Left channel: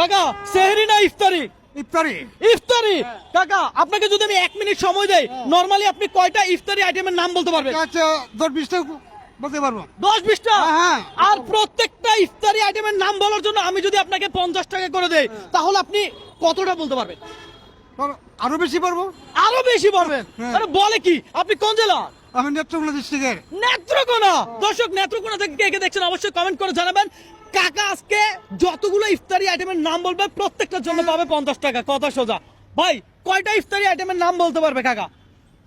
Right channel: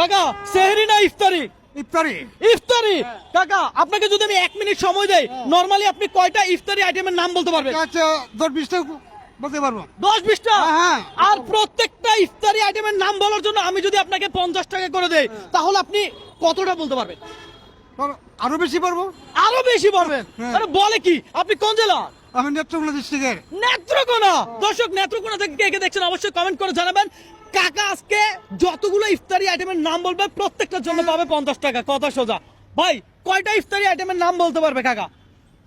কাকা সেহরি না ইফতারি? ইফতারি। ইফতারি। কাকা আপনাকে যদি আমি 1 মিনিট সময় দেই, নরমালি আপনি কয়টা ইফতারি আইটেমের নাম বলতে পারবেন? আচ্ছা 10-20টা বলতে পারবো। 10-20টা? হ্যাঁ। আর প্রত্যেকটা ইফতারি আইটেমের নাম বলার জন্য আমি যদি আপনাকে 50 টাকা করে দেই, তাহলে আপনি কতটা বলতে পারবেন? আরো বেশি পারবো। আরো বেশি পারবেন? হ্যাঁ। আরে বলে কি, আপনি কোন জেলা? আমি নেত্রকোনা ডিস্ট্রিক্টের। নেত্রকোনা। দর্শক নেত্রকোনা থেকে কে কে দেখছেন অবশ্যই কমেন্ট করে জানাবেন। কাকা আজকে যতগুলো ইফতারি আইটেমের নাম বলবে প্রত্যেকটার জন্য পাবে 50 টাকা। কথা সোজা। ভাই কয়টা ইফতারি আইটেমের নাম বলতে পারবে কাকা?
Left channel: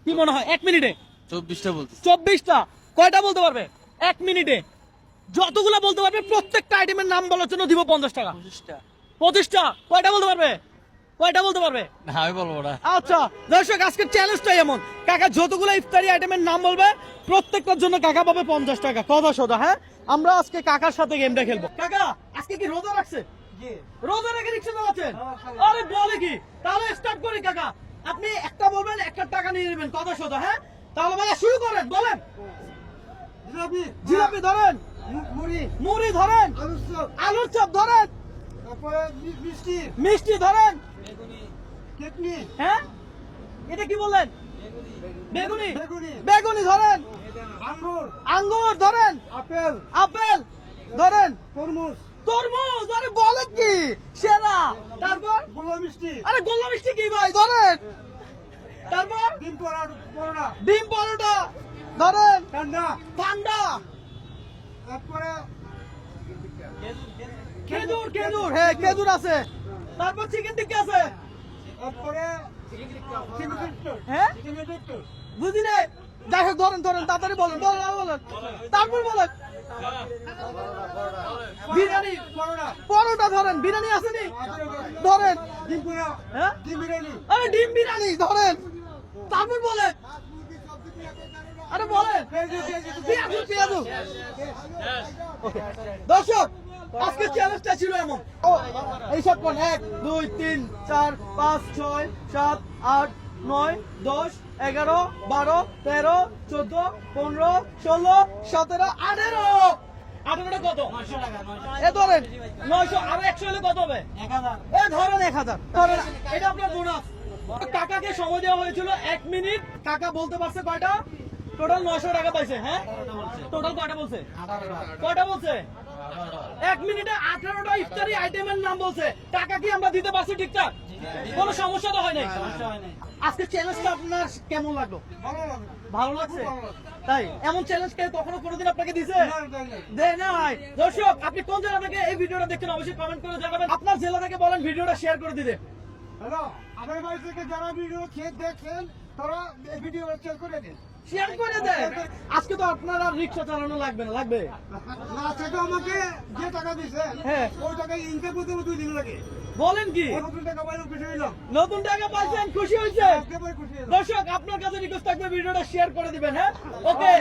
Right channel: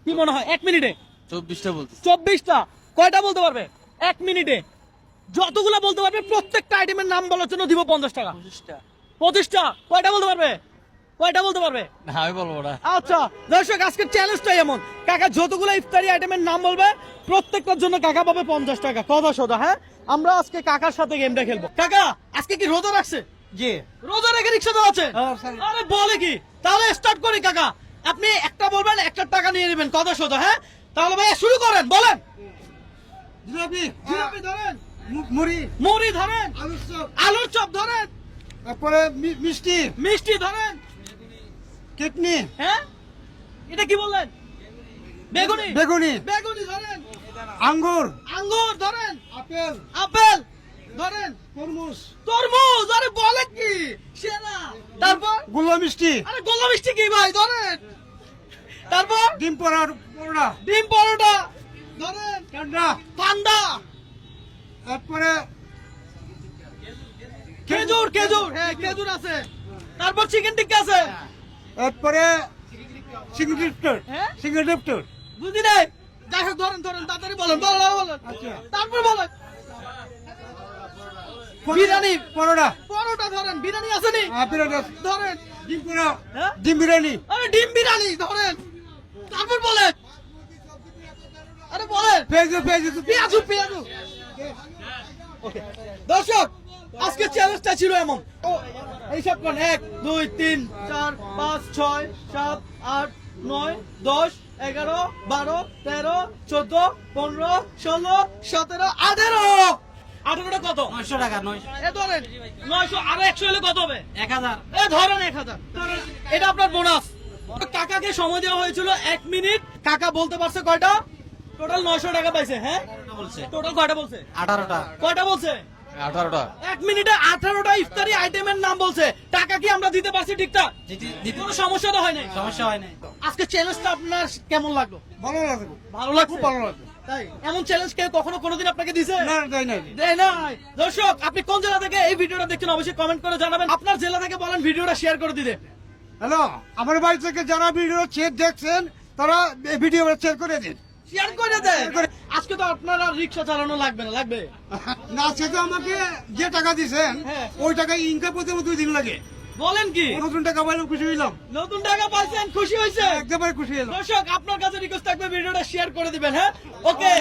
কি মনে হয় 1 মিনিটে? 24টা বলতে। 24টা। কয়টা বলতে পারবে 1 মিনিটে? যতগুলো বলতে পারবে প্রত্যেকটা আইটেমের নাম বলার জন্য দিব 50 টাকা। 25টা। 25টা। কয়টা বলতে পারবে? কয়টা বলতে পারবে? না আমি বলবো না। আচ্ছা দর্শক আজকের চ্যালেঞ্জটাই এমন, কাকা যতগুলো ইফতারি আইটেমের নাম বলবে প্রত্যেকটার জন্য কাকা পাবে 50 টাকা। কথা সোজা। হ্যাঁ আমরা আজকে কাকার সাথে গেমটা খেলবো। কাকা আজকে কি রোজা রাখছে? জি। রোজা রেখে রিক্সা চালাচ্ছেন? আরে বলে কি, তাহলে স্টার্ট করি কাকা। আপনি একটা বলবেন, একটা টাকা নিয়ে নেবেন। কথা সোজা। হ্যাঁ তাহলে ভাইয়া শুরু করেন, বলেন। জিলাপি। জিলাপি ধরেন, মুড়ি। মুড়ি ধরেন, আলুর চপ। আলুর চপ ধরেন, তারপরে মিষ্টি। মিষ্টি ধরেন। কিডনি। হ্যাঁ এটা কি বললেন? বেগুনি। বেগুনি। বেগুনি ধরেন, আঙ্গুর। আঙ্গুর ধরেন, আপেল। আপেল ধরেন, তরমুজ। তরমুজ। আরে বলে কি, সেরা। তারপর গোল্লা মিষ্টি। আরে গোল্লা মিষ্টি কি ভাই ধরেন। তারপর ডিম পরোটা। ডিম পরোটা ধরেন, ঠান্ডা। ঠান্ডা। তারপরে খেজুর। খেজুর, হ্যাঁ খেজুর আছে। তারপর চিকেন টিক্কা আছে। তারপরে সিঙ্গেল ডিপটর। হ্যাঁ সিঙ্গেল ডিপটর। বুঝি নাই। যাই হোক ধরেন ধরেন, তাড়াতাড়ি বলেন বলেন আরো বলেন। আচ্ছা। তারপর বলেন। বিরিয়ানি। পরোটা। পরোটা ধরেন, বিরিয়ানি আসেনি বিরিয়ানি। ধরেন। ডিম পোড়া। হ্যাঁ ডিম বিরিয়ানি। আরে ডিম বিরিয়ানি ধরেন। তারপর বলেন। আরে বলেন। পেঁয়াজু। পেঁয়াজু পেঁয়াজু। ওকে দর্শক আজকে চ্যালেঞ্জটা ছিল এমন। ও এইসব কোন 1 2 3 4 5 6 7 8 9 10 11 12 13 14 15 16 17 18। 18টা কত? 900 টাকা 900। এ ধরেন 900 আর 100 হলে কত হবে? 1000। এ ধরেন 1000। ধরেন এটা আপনার বোনাস। কাকাকে সময় দেওয়া হয়েছিল 1 মিনিট। কাকা বলতে পারছে কয়টা? টোটাল 900 টাকা পাইছে। হ্যাঁ 18টা বলছে। টোটাল কয়টা বলছে? 18টা। কয়টা বলছে? 18টা। 1 মিনিটে 18টা ইফতারি আইটেমের নাম বলছে। টাকা কি আমরা দিতে পারছি ঠিকঠাক? কোনো সমস্যা তো হয় নাই? সমস্যা হয় নাই। আজকে চ্যালেঞ্জটা আপনার কেমন লাগলো? ভালো লাগে। ভালো লাগছে? খুব ভালো লাগে। তাই এমন চ্যালেঞ্জ কেউ কখনো কোনোদিন আপনাকে দিছে? না তাই নাই। দেয় নাই। দর্শক আপনি কোন জেলা থেকে এই ভিডিওটা দেখছেন অবশ্যই কমেন্ট করে জানাবেন। আপনার জেলা থেকে বলেন ভিডিওটা শেয়ার করে দিতে। হ্যালো, আমার বাড়ি থেকে যারা ভিডিও দেখছেন তারা এই ভিডিও শেয়ার করে দিন। শেয়ার করে দেন। আজকে তো আপনার আর রিক্সা চালানো লাগবে না, লাগবে? না সেটা আমাকে যে টাকা দিছেন হ্যাঁ। ওই টাকা ইনকাম করতে 2 দিন লাগে। বলেন কি, নতুন টাকা পাইলাম খুশি হইলাম। নতুন টাকা পাইছেন, খুশি হয়েছে? একেবারে খুশি হলাম। দর্শক আপনার কাছে রিকোয়েস্ট থাকবে ভিডিওটা শেয়ার করে দিবেন। হ্যাঁ ওকে।